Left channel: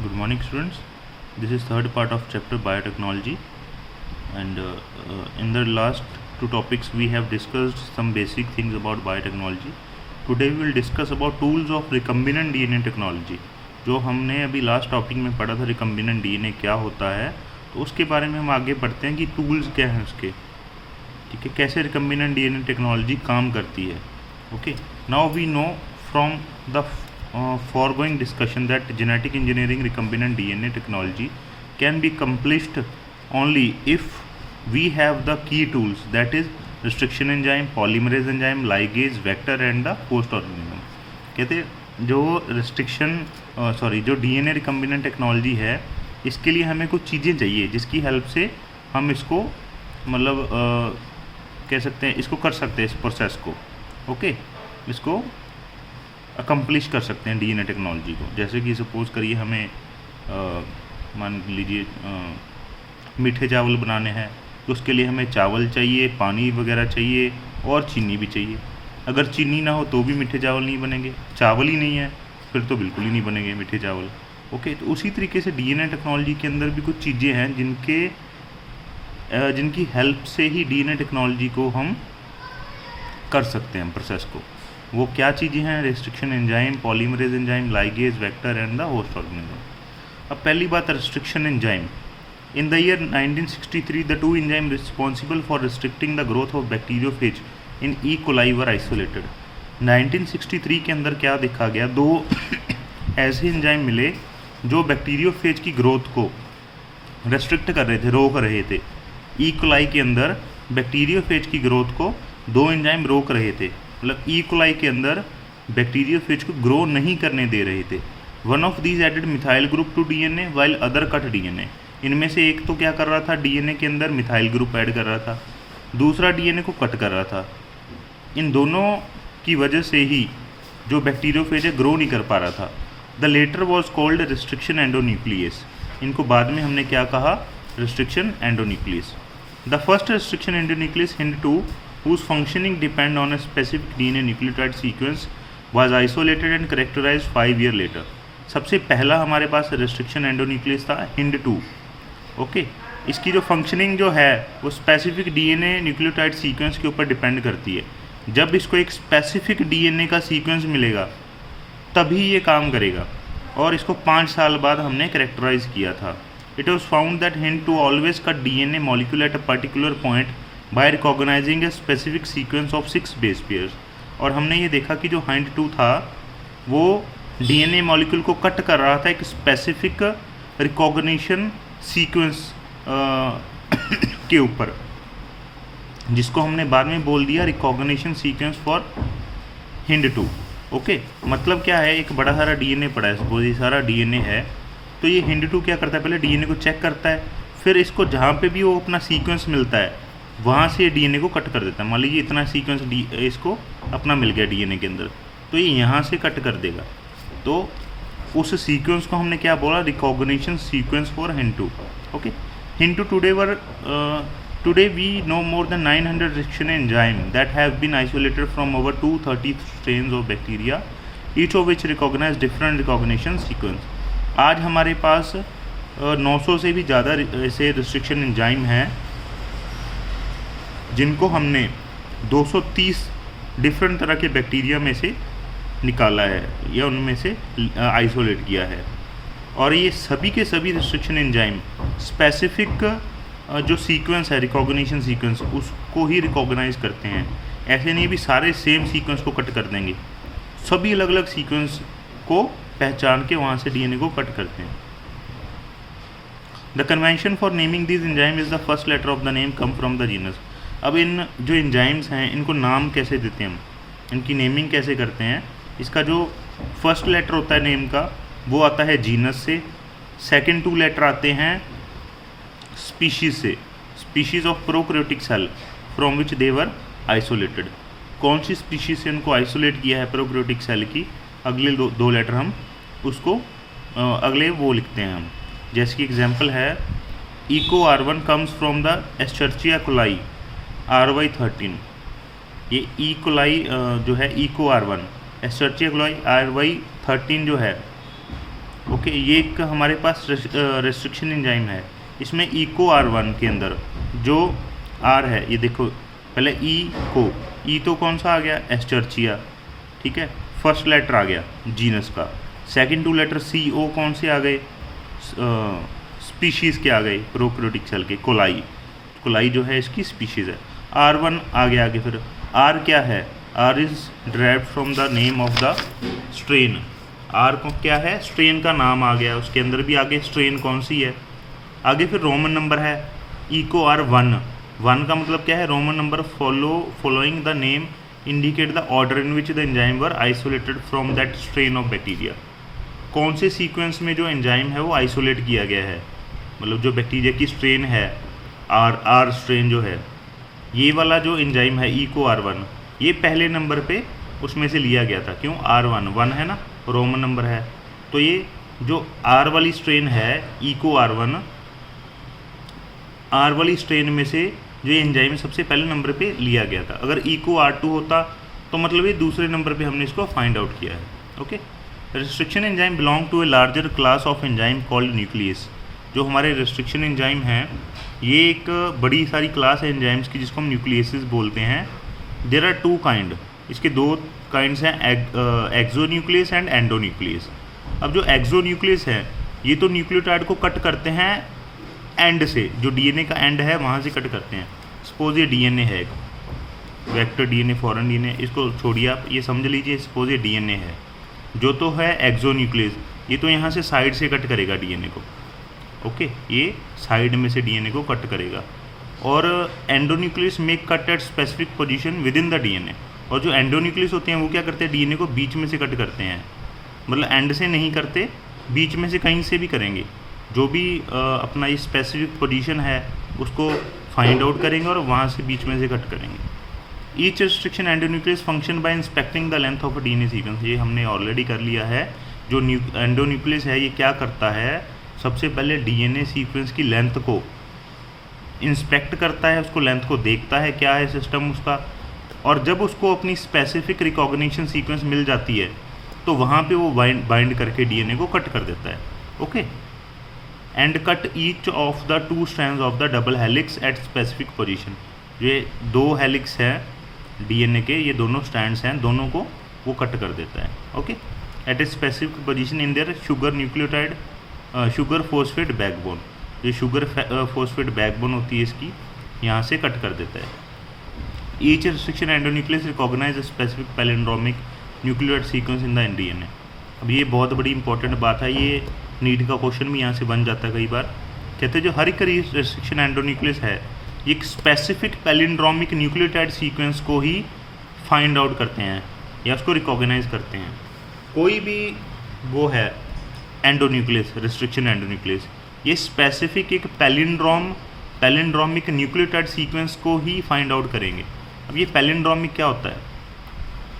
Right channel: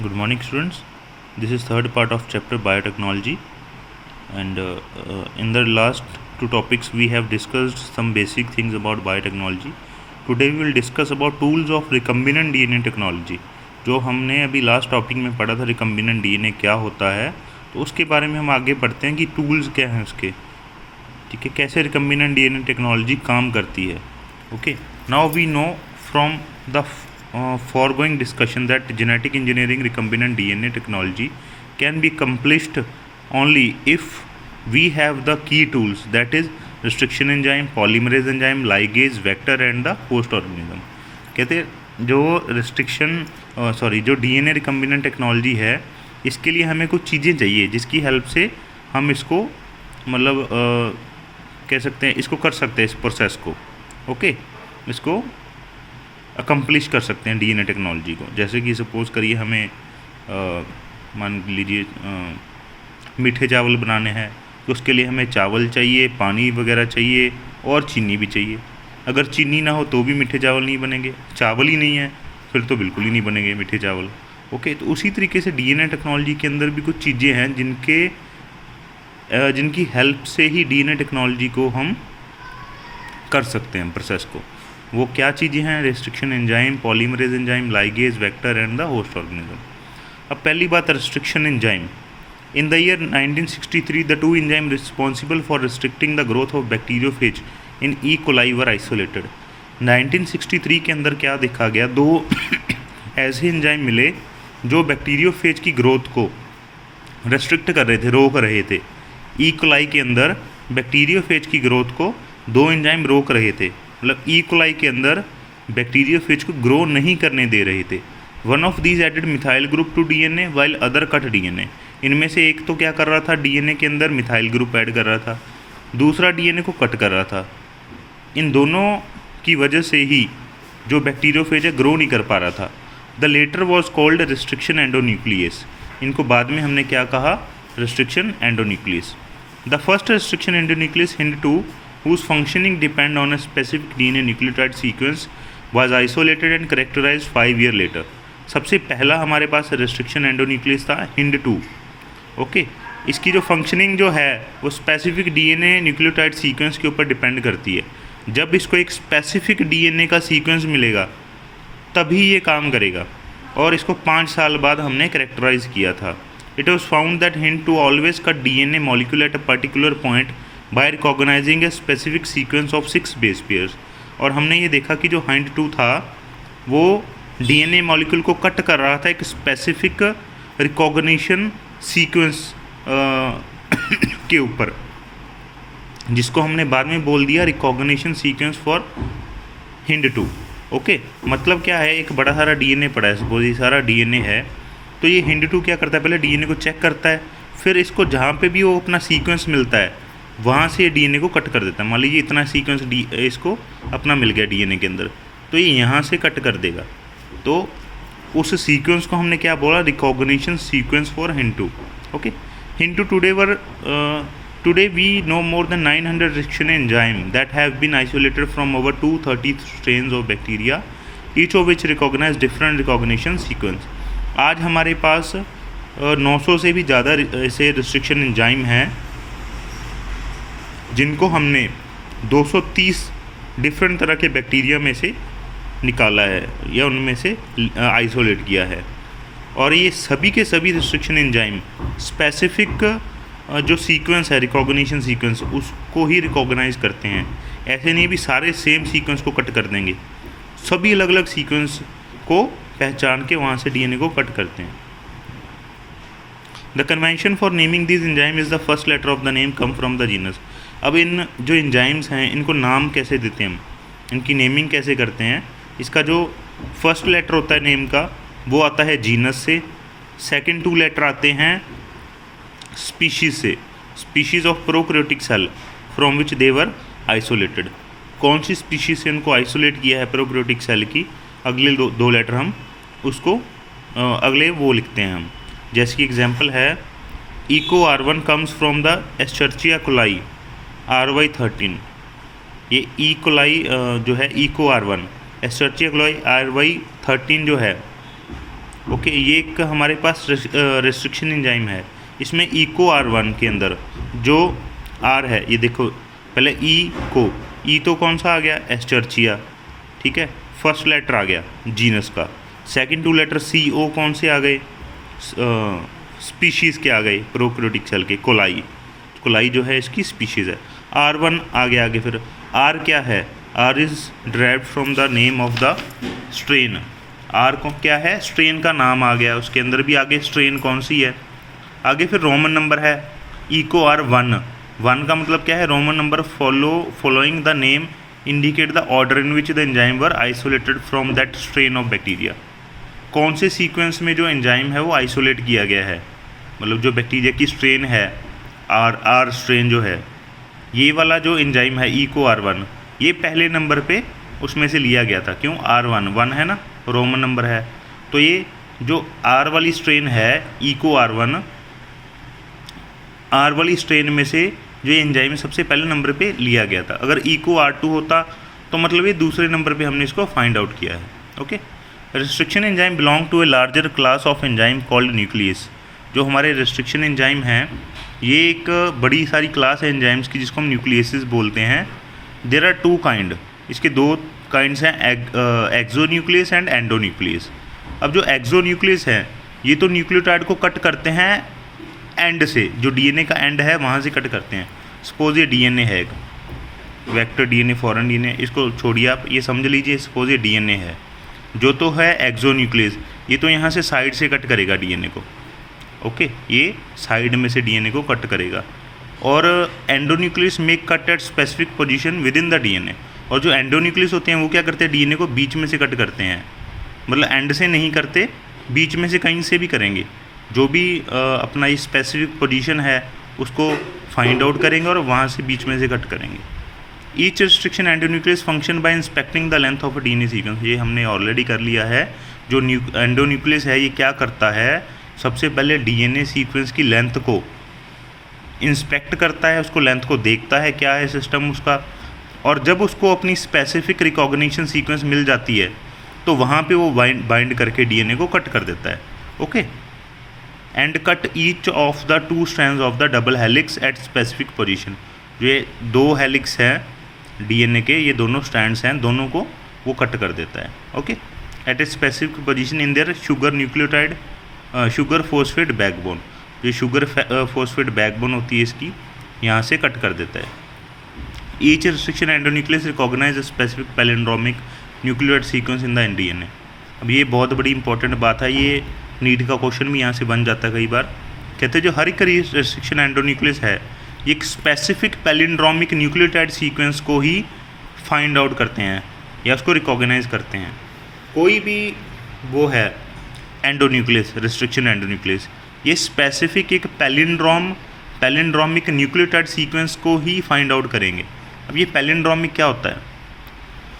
Good morning, students. This is third part of chapter biotechnology, and in the last two topics we have discussed some basic things about biotechnology. Today we will discuss about tools of recombinant DNA technology. जो हमने अभी last topic में पढ़ा था recombinant DNA क्या होता है, तो उसके बारे में हम आगे पढ़ते हैं कि टूल्स क्या हैं उसके, ठीक है, कैसे रिकम्बिनेंट डीएनए टेक्नोलॉजी काम करती है. Okay, now we know from the foregoing discussion that genetic engineering recombinant DNA technology can be accomplished only if we have the key tools, that is restriction enzyme, polymerase enzyme, ligase, vector and the host organism. कहते जो जो DNA recombinant technology है, इसके लिए हमें कुछ चीज़ें चाहिए जिसकी हेल्प से हम इसको कह सकते हैं, इसको कर सकते हैं, इस प्रोसेस को इसको अकम्प्लिश कर सकते हैं डीएनए टेक्नोलॉजी को. जैसे कि सपोज़ करिए हमें मान लीजिए मीठे चावल बनाने हैं, तो उसके लिए हमें चावल चाहिए, पानी वगैरह चाहिए और चीनी भी चाहिए. अगर चीनी ना हो तो भी मीठे चावल नहीं बनेंगे, चावल ही नहीं है फिर तो बिल्कुल ही नहीं बनेंगे मीठे चावल. ओके, तो उसी तरीके से डीएनए टेक्नोलॉजी के अंदर भी कुछ चीज़ें हैं जिनकी हेल्प से ही डीएनए टेक्नोलॉजी को हम कर सकते हैं प्रोसेस को. वो क्या चीज़ें हैं? Restriction enzyme, polymerase enzyme, ligase, vector and the host organism. अब पहली बात restriction enzyme. In the year 1963 the two enzyme responsible for restricting the growth of bacteriophage in E coli were isolated. 1963 के अंदर क्या देखा गया, दो ऐसे एंजाइम मिले जो बैक्टीरियोफेज की ग्रोथ को रेस्ट्रिक्ट कर रहे थे, रोक रहे थे. ई कोलाई के अंदर बैक्टीरियोफेज की ग्रोथ को दो एंजाइम रोक रहे थे, मतलब ई कोलाई के अंदर बैक्टीरियोफेज को ग्रो नहीं करने दे रहे थे. One of these added methyl group to DNA while other cut DNA. इनमें से एक तो क्या कर रहा था, डीएनए के अंदर मिथाइल ग्रुप ऐड कर रहा था, दूसरा डीएनए को कट कर रहा था. इन दोनों की वजह से ही जो बैक्टीरियोफेज है ग्रो नहीं कर पा रहा था. The latter was called restriction endonuclease. इनको बाद में हमने क्या कहा, restriction endonuclease. The first restriction endonuclease Hind2 whose functioning depend on a specific DNA nucleotide sequence was isolated and characterized 5 years later. सबसे पहला हमारे पास रेस्ट्रिक्शन एंडोन्यूक्लियस था Hind2. ओके, इसकी जो फंक्शनिंग जो है वो स्पेसिफिक डीएनए न्यूक्लियोटाइड सीक्वेंस के ऊपर डिपेंड करती है. जब इसको एक स्पेसिफिक डीएनए का सीक्वेंस मिलेगा तभी ये काम करेगा, और इसको 5 साल बाद हमने कैरेक्टराइज किया था. It was found that Hind2 always cut DNA molecule at a particular point by recognising a specific sequence of 6 base pairs. और हमने ये देखा कि जो Hind2 था वो डीएनए मॉलिक्यूल को कट कर रहा था एक स्पेसिफिक रिकॉग्निशन सीक्वेंस के ऊपर, जिसको हमने बाद में बोल दिया recognition sequence for Hind2. Okay, मतलब क्या है, एक बड़ा सारा डीएनए पड़ा है, सपोज ये सारा डीएनए है, तो ये Hind2 क्या करता है, पहले डीएनए को चेक करता है, फिर इसको जहाँ पे भी वो अपना सीक्वेंस मिलता है वहाँ से डीएनए को कट कर देता है. मान लीजिए इतना सीक्वेंस इसको अपना मिल गया डीएनए के अंदर, तो ये यहाँ से कट कर देगा. तो उस सीक्वेंस को हमने क्या बोला, recognition sequence for Hind2. Okay, Hind2 today we know more than 900 restriction enzyme that have been isolated from over 230 strains of bacteria, each of which recognize different recognition sequence. आज हमारे पास 900 से भी ज़्यादा ऐसे रिस्ट्रिक्शन एंजाइम हैं जिनको हमने 230 different तरह के बैक्टीरिया में से निकाला है या उनमें से आइसोलेट किया है. और ये सभी के सभी रिस्ट्रिक्शन एंजाइम स्पेसिफिक जो सीक्वेंस है, रिकॉग्निशन सीक्वेंस, उसको ही रिकॉग्नाइज करते हैं. ऐसे नहीं भी सारे सेम सीक्वेंस को कट कर देंगे, सभी अलग अलग सीक्वेंस को पहचान के वहाँ से डीएनए को कट करते हैं. The convention for naming this enzyme is the first letter of the name come from the genus. अब इन जो एंजाइम्स हैं इनको नाम कैसे देते हैं हम, इनकी नेमिंग कैसे करते हैं, इसका जो फर्स्ट लेटर होता है नेम का वो आता है जीनस से, सेकंड 2 लेटर आते हैं स्पीशीज़ से, species of prokaryotic cell from which they were isolated. कौन सी स्पीशीज़ से उनको आइसोलेट किया है प्रोकैरियोटिक सेल की, अगले दो लेटर हम उसको अगले वो लिखते हैं हम. जैसे कि एग्जांपल है Eco R1 comes from the Escherichia coli RY13. ये ई कोलाई जो है इको R1, एस्चर्चिया कोलाई RY13 जो है ओके, ये एक हमारे पास रेस्ट्रिक्शन एंजाइम है। इसमें इको R1 के अंदर जो R है, ये देखो पहले ई तो कौन सा आ गया, एस्चर्चिया, ठीक है, फर्स्ट लेटर आ गया जीनस का। सेकंड 2 लेटर CO कौन से आ गए, स्पीशीज़ के आ गए, प्रोकैरियोटिक सेल के, कोलाई जो है इसकी स्पीशीज़ है। R1 आ गया आगे, फिर R क्या है, R is derived from the name of the strain. R को क्या है, स्ट्रेन का नाम आ गया, उसके अंदर भी आगे स्ट्रेन कौन सी है। आगे फिर रोमन नंबर है इको R1, 1 का मतलब क्या है, Roman number following the name indicate the order in which the enzyme were isolated from that strain of bacteria. कौन से सीक्वेंस में जो एंजाइम है वो आइसोलेट किया गया है, मतलब जो बैक्टीरिया की स्ट्रेन है, आर स्ट्रेन जो है, ये वाला जो एंजाइम है इको R1, ये पहले नंबर पे उसमें से लिया गया था। क्यों, R1 है ना, रोमन नंबर है, तो ये जो R वाली स्ट्रेन है इको R1, R वाली स्ट्रेन में से जो एंजाइम सबसे पहले नंबर पे लिया गया था। अगर इको R2 होता तो मतलब ये दूसरे नंबर पे हमने इसको फाइंड आउट किया है। Okay, restriction enzyme belong to a larger class of enzyme called nuclease. जो हमारे रेस्ट्रिक्शन एंजाइम हैं, ये एक बड़ी सारी क्लास है एंजाइम्स की जिसको हम न्यूक्लियसिस बोलते हैं। देयर आर 2 काइंड, इसके 2 काइंड्स हैं, एक्सोन्यूक्लियस एंड एंडोन्यूक्लियस। अब जो एक्सोन्यूक्लियस है ये तो न्यूक्लियोटाइड को कट करते हैं एंड से, जो डीएनए का एंड है वहाँ से कट करते हैं। सपोज ये डीएनए है, वेक्टर डीएनए, फॉरेन डीएनए, इसको छोड़िए आप, ये समझ लीजिए सपोज ये डीएनए है, जो तो है एक्सोन्यूक्लियस, ये तो यहाँ से साइड से कट करेगा डीएनए को। ओके, ये साइड में से डीएनए को कट करेगा। और endonuclease make cut at specific position with in the DNA. और जो एंडोन्यूक्लियस होते हैं वो क्या करते हैं, डीएनए को बीच में से कट करते हैं, मतलब एंड से नहीं करते, बीच में से कहीं से भी करेंगे। जो भी अपना ये स्पेसिफिक पोजीशन है उसको फाइंड आउट करेंगे और वहाँ से बीच में से कट करेंगे। Each restriction endonuclease function by inspecting the length of a DNA sequence. ये हमने ऑलरेडी कर लिया है। जो एंडोन्यूक्लियस है ये क्या करता है, सबसे पहले डीएनए सीक्वेंस की लेंथ को इंस्पेक्ट करता है, उसको लेंथ को देखता है क्या है सिस्टम उसका, और जब उसको अपनी स्पेसिफिक रिकॉग्निशन सीक्वेंस मिल जाती है तो वहाँ पे वो बाइंड करके डीएनए को कट कर देता है। Okay, and cut each of the 2 strands of the double helix at specific position. ये 2 हेलिक्स हैं डीएनए के, ये दोनों स्ट्रैंड्स हैं, दोनों को वो कट कर देता है। Okay, at a specific position in their sugar nucleotide, sugar phosphate backbone. जो शुगर फॉस्फेट बैकबोन होती है इसकी, यहाँ से कट कर देता है। Each restriction endonuclease recognise specific palindromic nucleotide sequence in the DNA. अब ये बहुत बड़ी इंपॉर्टेंट बात है, ये नीट का क्वेश्चन भी यहाँ से बन जाता है कई बार। कहते हैं जो हर एक रेस्ट्रिक्शन एंडोन्यूक्लियस है ये एक स्पेसिफिक पैलिंड्रोमिक न्यूक्लियोटाइड सीक्वेंस को ही फाइंड आउट करते हैं या उसको रिकॉग्नाइज करते हैं। कोई भी वो है एंडोन्यूक्लियस, रेस्ट्रिक्शन एंडोन्यूक्लियस, ये स्पेसिफिक एक पैलिंड्रोमिक न्यूक्लियोटाइड सीक्वेंस को ही फाइंड आउट करेंगे। अब ये पैलिंड्रोमिक क्या होता है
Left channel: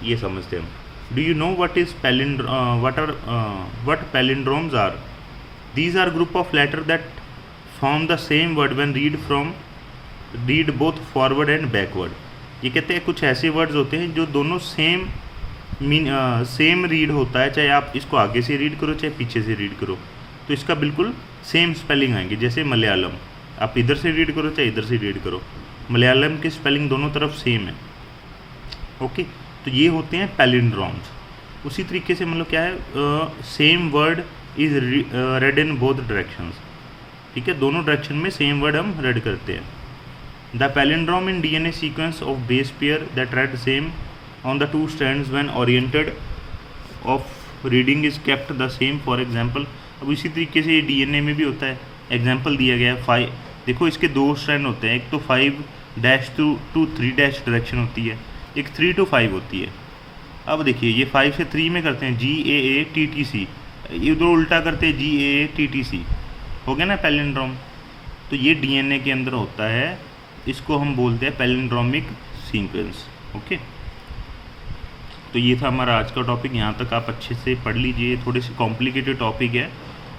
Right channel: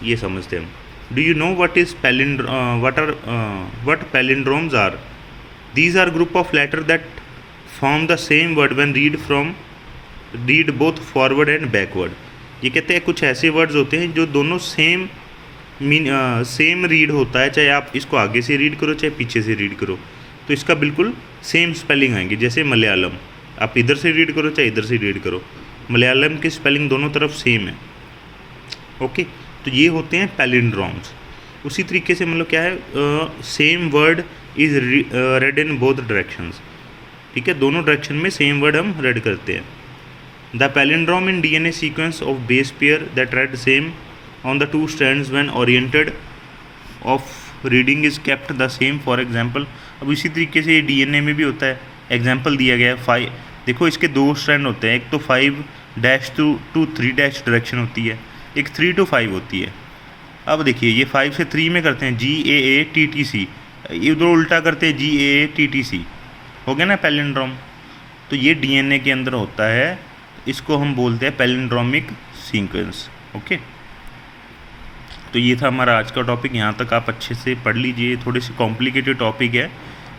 ये समझते हैं हम। Do you know what palindromes are? These are group of letters that form the same word when read both forward and backward. ये कहते हैं कुछ ऐसे वर्ड्स होते हैं जो दोनों सेम रीड होता है, चाहे आप इसको आगे से रीड करो चाहे पीछे से रीड करो, तो इसका बिल्कुल सेम स्पेलिंग आएंगे। जैसे मलयालम, आप इधर से रीड करो चाहे इधर से रीड करो, मलयालम की स्पेलिंग दोनों तरफ सेम है। ओके, तो ये होते हैं पैलिंड्रोम्स। उसी तरीके से मतलब क्या है, same word is red in both directions. ठीक है, दोनों डायरेक्शन में सेम वर्ड हम रेड करते हैं। The palindrome in DNA sequence of base pair that red same on the 2 strands when oriented of reading is kept the same. For example, अब इसी तरीके से डीएनए में भी होता है। एग्जांपल दिया गया है 5, देखो इसके 2 स्ट्रैंड होते हैं, एक तो 5' to 3' डायरेक्शन होती है, एक 3 to 5 होती है। अब देखिए ये 5 से 3 में करते हैं GAATTC, इधर उल्टा करते हैं GAATTC, हो गया ना पैलिंड्रोम। तो ये डीएनए के अंदर होता है, इसको हम बोलते हैं पैलिंड्रोमिक सीक्वेंस। ओके, तो ये था हमारा आज का टॉपिक। यहाँ तक आप अच्छे से पढ़ लीजिए। थोड़े से कॉम्प्लिकेटेड टॉपिक है,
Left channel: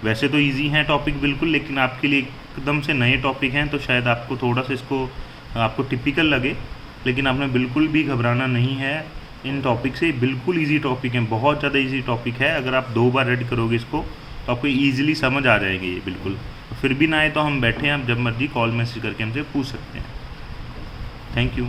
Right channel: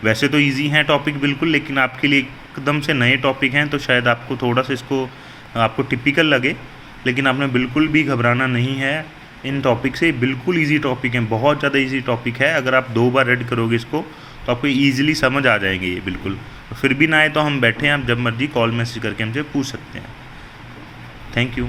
वैसे तो इजी है टॉपिक बिल्कुल, लेकिन आपके लिए एकदम से नए टॉपिक हैं तो शायद आपको थोड़ा सा इसको आपको टिपिकल लगे, लेकिन आपने बिल्कुल भी घबराना नहीं है इन टॉपिक से। बिल्कुल इजी टॉपिक है, बहुत ज़्यादा इजी टॉपिक है। अगर आप 2 बार रीड करोगे इसको तो आपको ईजिली समझ आ जाएंगे ये बिल्कुल। तो फिर भी ना आए तो हम बैठे हैं, आप जब मर्जी कॉल मैसेज करके हमसे पूछ सकते हैं। Thank you.